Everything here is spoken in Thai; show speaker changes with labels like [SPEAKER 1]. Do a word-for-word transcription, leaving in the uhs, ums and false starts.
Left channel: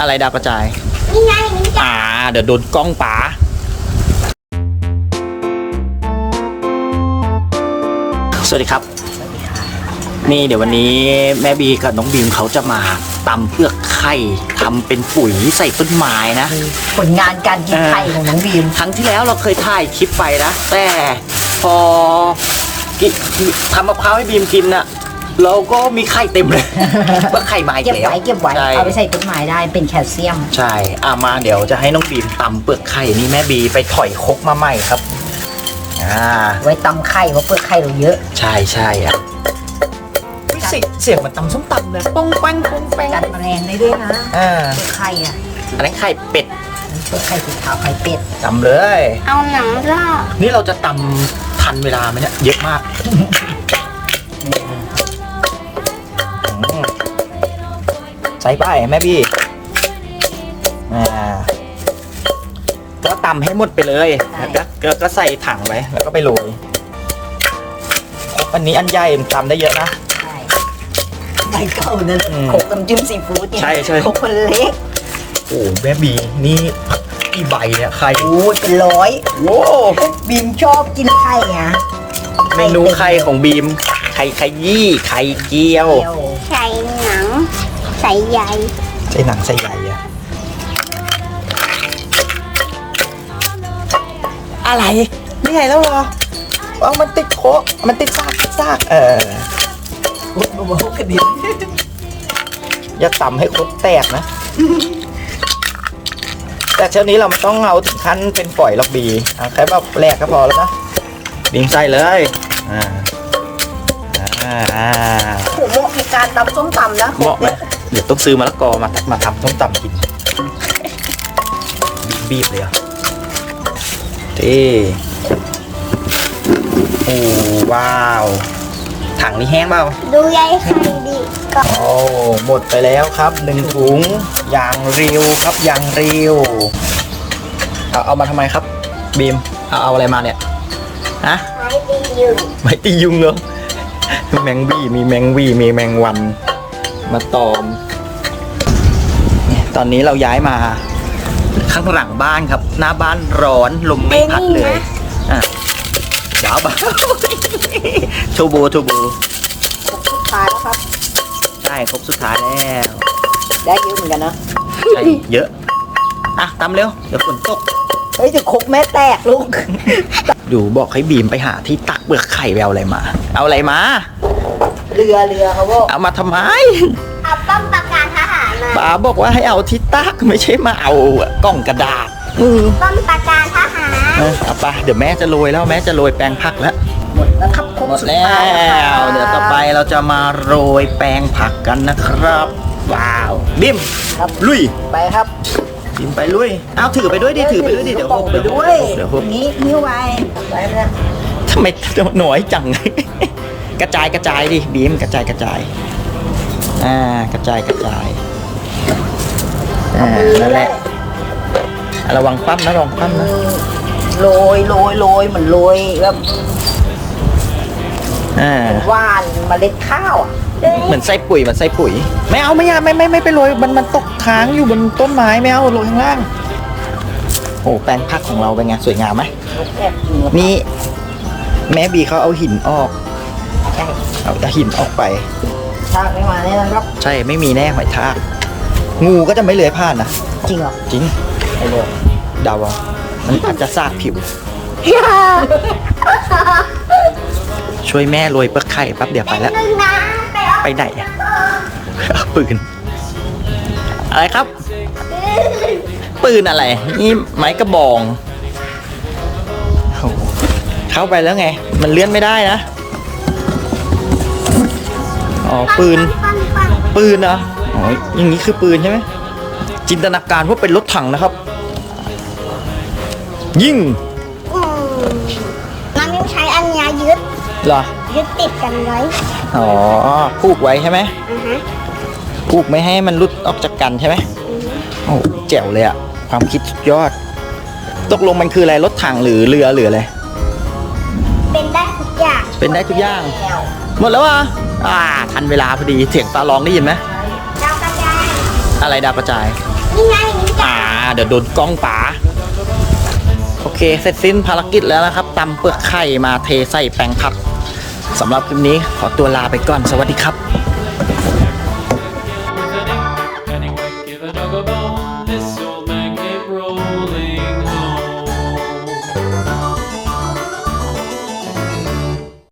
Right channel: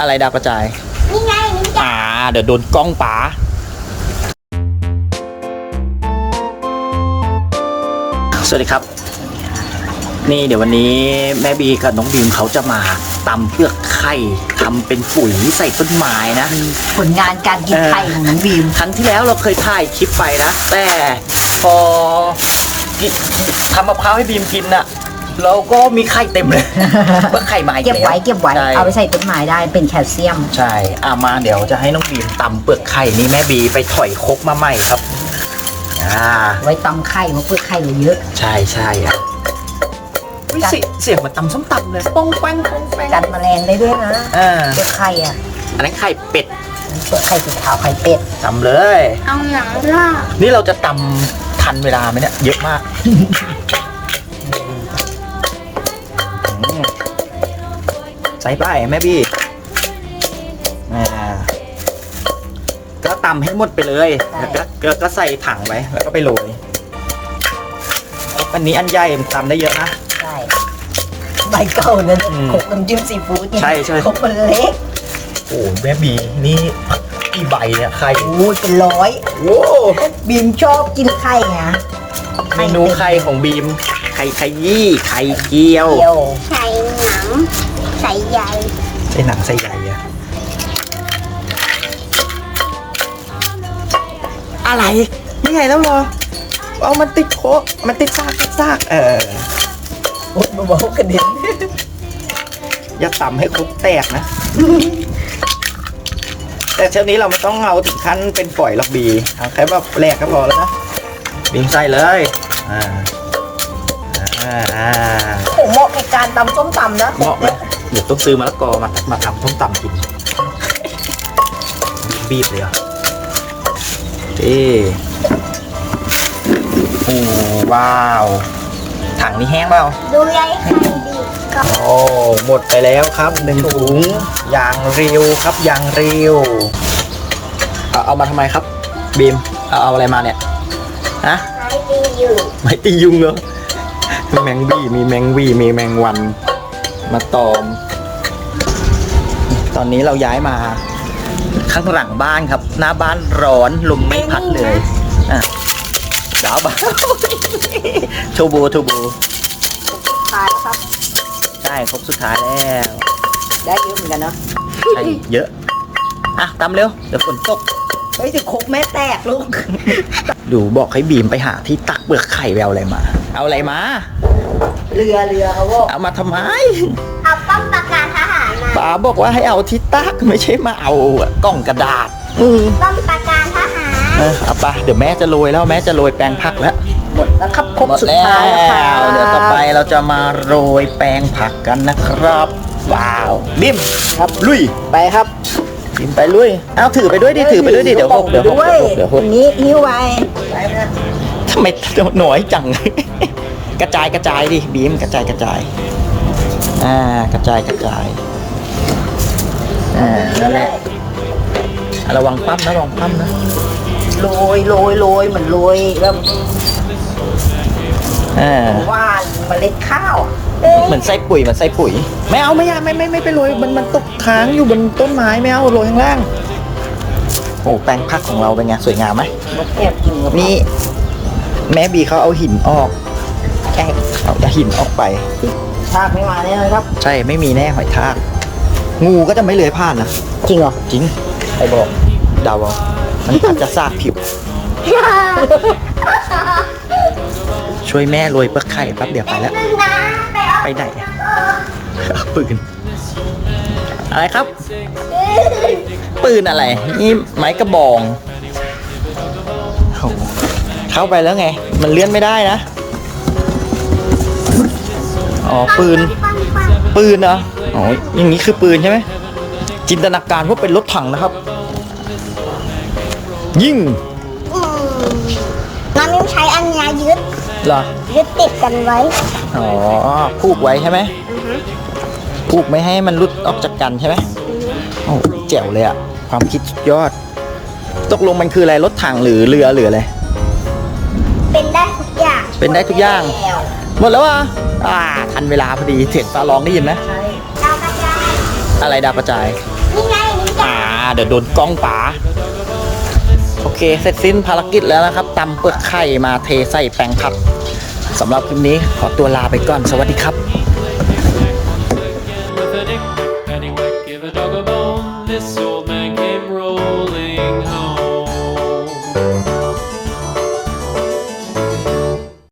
[SPEAKER 1] อะไรดาวกระจายนี่ไงนี่จ้ะอ่าเดี๋ยวโดนกล้องป๋าสวัสดีครับนี่เดี๋ยววันนี้แม่บีกับน้องบีมเขาจะมาตำเปลือกไข่ทำเป็นปุ๋ยใส่ต้นไม้นะ
[SPEAKER 2] ผลงานการกินไข่ของน้องบีม
[SPEAKER 1] ครั้งที่แล้วเราเคยถ่ายคลิปไปนะแต่พอทำมะพร้าวให้บีมกินน่ะเราก็มีไข่เต็มเลยเปลือกไข่มาอีกแล้ว
[SPEAKER 2] เก็บไว้เก็บไว้เอาไปใส่ต้นไม้ได้เป็นแคลเซียม
[SPEAKER 1] ใช่อามาเดี๋ยวจะให้น้องบีมตำเปลือกไข่นี่แม่บีไปถอยครกมาใหม่ครับอ่า
[SPEAKER 2] ไว้ตำไข่เพราะเปลือกไข่เราเยอะ
[SPEAKER 1] ใช่ใช่อ่ะเสียงเสียงมันตำส้มตำเลยป้องแป้งป้องแป้ง
[SPEAKER 2] กันแมลงได้ด้วยนะเปลือกไข่อ่ะ
[SPEAKER 1] อันนั้นไข่เป็ด
[SPEAKER 2] เปลือกไข่สีขาวไข่เป็ด
[SPEAKER 1] ตำเลย
[SPEAKER 3] เอาหนังลาบ
[SPEAKER 1] นี่เราจะตำทันเวลาไหมเนี่ยเยอะมากใส่ไปแม่บี้ก็ตำให้หมดไปเลยแล้วก็ก็ใส่ถังไว้แล้วก็ไปโรยอันนี้อันใหญ่ทำได้เยอะนะ
[SPEAKER 2] ใช่ใบเก่านั่นโขกน้ำจิ้มซีฟู้ด
[SPEAKER 1] ใช่ใช่
[SPEAKER 2] โขกมันเล็ก
[SPEAKER 1] โอ้แม่บีนี่กี่ใบเนี่ยไข่
[SPEAKER 2] โอ้เป็นร้อย
[SPEAKER 1] โว้
[SPEAKER 2] บีมชอบกินไข่ไง
[SPEAKER 1] เมนูไข่ของบีมไข่ไข่ยี่ไข่เกี๊ยว
[SPEAKER 3] ใส่หนังใส่ใย
[SPEAKER 1] ใส่หนังใส่ใยอะอะไรนี่ไงแล้วเหรอเอามันติดโคกมันติดซากติดซากเออ
[SPEAKER 2] มองกระดิ่ง
[SPEAKER 1] อย่าตำให้ครกแตกนะแต่เช้านี้เราไม่ต้องเอาถึงขั้นเป็นฝอยหรอกบีเอาแค่แบบแรกก็พอแล้วนะบีมใส่เลยอ่า
[SPEAKER 2] อ่าโหเหมาะกับการตำส้มตำนะ
[SPEAKER 1] เหมาะไหมเดี๋ยวต้องซื้อมะละกอมามาทำส้มตำกินบีบเลยอ่ะที่โอ้ว้าวถังนี้แห้งเปล่า
[SPEAKER 3] ดูใย
[SPEAKER 1] โอ้หมดไปแล้วครับหนึ่งถุงยางเรียวครับยางเรียวเอาเอามาทำไมครับบีมเอาเอาอะไรมาเนี่ยฮะ
[SPEAKER 3] ไม่ตียุง
[SPEAKER 1] ไม่ตียุงเหรอแมงวี่มีแมงวี่มีแมงวันมาตอมตอนนี้เราย้ายมาข้างหลังบ้านครับหน้าบ้านร้อนลมไม่พัดเลยอ่ะบ้าบ้าโชโบโชโบ
[SPEAKER 2] ท้ายครับ
[SPEAKER 1] ใช่ครบสุดท้ายแล้ว
[SPEAKER 2] ได้เยอะเหมือนกันนะ
[SPEAKER 1] ใช่เยอะอ่ะตามเร็วเดี๋ยวฝนตก
[SPEAKER 2] เฮ้ยจะครกแม่แตกลูก
[SPEAKER 1] ดูบอกให้บีมไปหาที่ตักเปลือกไข่แววอะไรมาเอาอะไรมา
[SPEAKER 2] เรือเรือเขาบอก
[SPEAKER 1] เอามาทำไม
[SPEAKER 3] เอาป้อมปราการทหารมา
[SPEAKER 1] ป๋าบอกว่าให้เอาที่ตักไม่ใช่มาเอากล่องกระดาษ
[SPEAKER 3] ป้อมปราการทหาร
[SPEAKER 1] เออเอาไปเดี๋ยวแม่จะโรยแล้วแม่จะโรยแปลงผักแล้ว
[SPEAKER 2] หมดแล้วครับ
[SPEAKER 1] หมดแล้วเดี๋ยวต่อไปเราจะมาโรยแปลงผักกันนะครับว้าวบิมลุย
[SPEAKER 2] ไปครับ
[SPEAKER 1] บิมไปลุยเอาถือไปด้วยดิถือไปด้วยดิเดี๋ยวหกเดี๋ยวหกเดี๋ยวหก
[SPEAKER 2] นี้นิ้วไว้
[SPEAKER 1] ทำไมหน่อยจังกระจายกระจายดิบีมกระจายกระจายอ่ากระจายกระจายอ่านั่นแหละระวังปั้มนะระวังปั้มนะ
[SPEAKER 2] โรยโรยโรยเหมือนโรยแบบ
[SPEAKER 1] อ่า
[SPEAKER 2] ว่านเมล็ดข้าว
[SPEAKER 1] เหมือนใส่ปุ๋ยเหมือนใส่ปุ๋ยไม่เอาไม่เอาไม่ไม่ไม่ไปโรยมันมันตกค้างอยู่บนต้นไม้ไม่เอาโรยข้างล่างโอ้แปลงผักของเราเป็นไงสวยงามไหมนี่แม่บีเขาเอาหินออกเอาหินออกไป
[SPEAKER 2] ทากไม่มาแน่นอนครับ
[SPEAKER 1] ใช่ไม่มีแน่หอยทากงูก็จะไม่เลื้อยผ่านนะ
[SPEAKER 2] จริงเหรอ
[SPEAKER 1] จริงไอ้บอกดาวมันอาจจะซากผิวช่วยแม่โรยเปลือกไข่แป๊บเดียวไปแล้วไปไหนปืนอะไรครับปืนอะไรนี่ไม้กระบองเข้าไปแล้วไงมันเลื่อนไม่ได้นะอ๋อปืนปืนเหรออ๋ออย่างนี้คือปืนใช่ไหมจินตนาการว่าเป็นรถถังนะครับยิง
[SPEAKER 3] มันใช้อันยายึด
[SPEAKER 1] เหรอ
[SPEAKER 3] ยึดติดกันไว้
[SPEAKER 1] อ๋อผูกไว้ใช่ไหมผูกไม่ให้มันรุดออกจากกันใช่ไหมโอ้แจ๋วเลยอะความคิดสุดยอดตกลงมันคืออะไรรถถังหรือเรือหรืออะไร
[SPEAKER 3] เป็นได้ทุกอย่าง
[SPEAKER 1] เป็นได้ทุกอย่างหมดแล้วอ่ะอ่าทันเวลาพอดีเสียงฟ้าร้องได้ยินไหม
[SPEAKER 3] ดาวกระจาย
[SPEAKER 1] อะไรดาวกระจาย
[SPEAKER 3] นี่
[SPEAKER 1] เดี๋ยวโดนกล้องป๋าโอเคเสร็จสิ้นภารกิจแล้วนะครับตำเปลือกไข่มาเทใส่แปลงผักสำหรับคลิปนี้ขอตัวลาไปก่อนสวัสดีครับ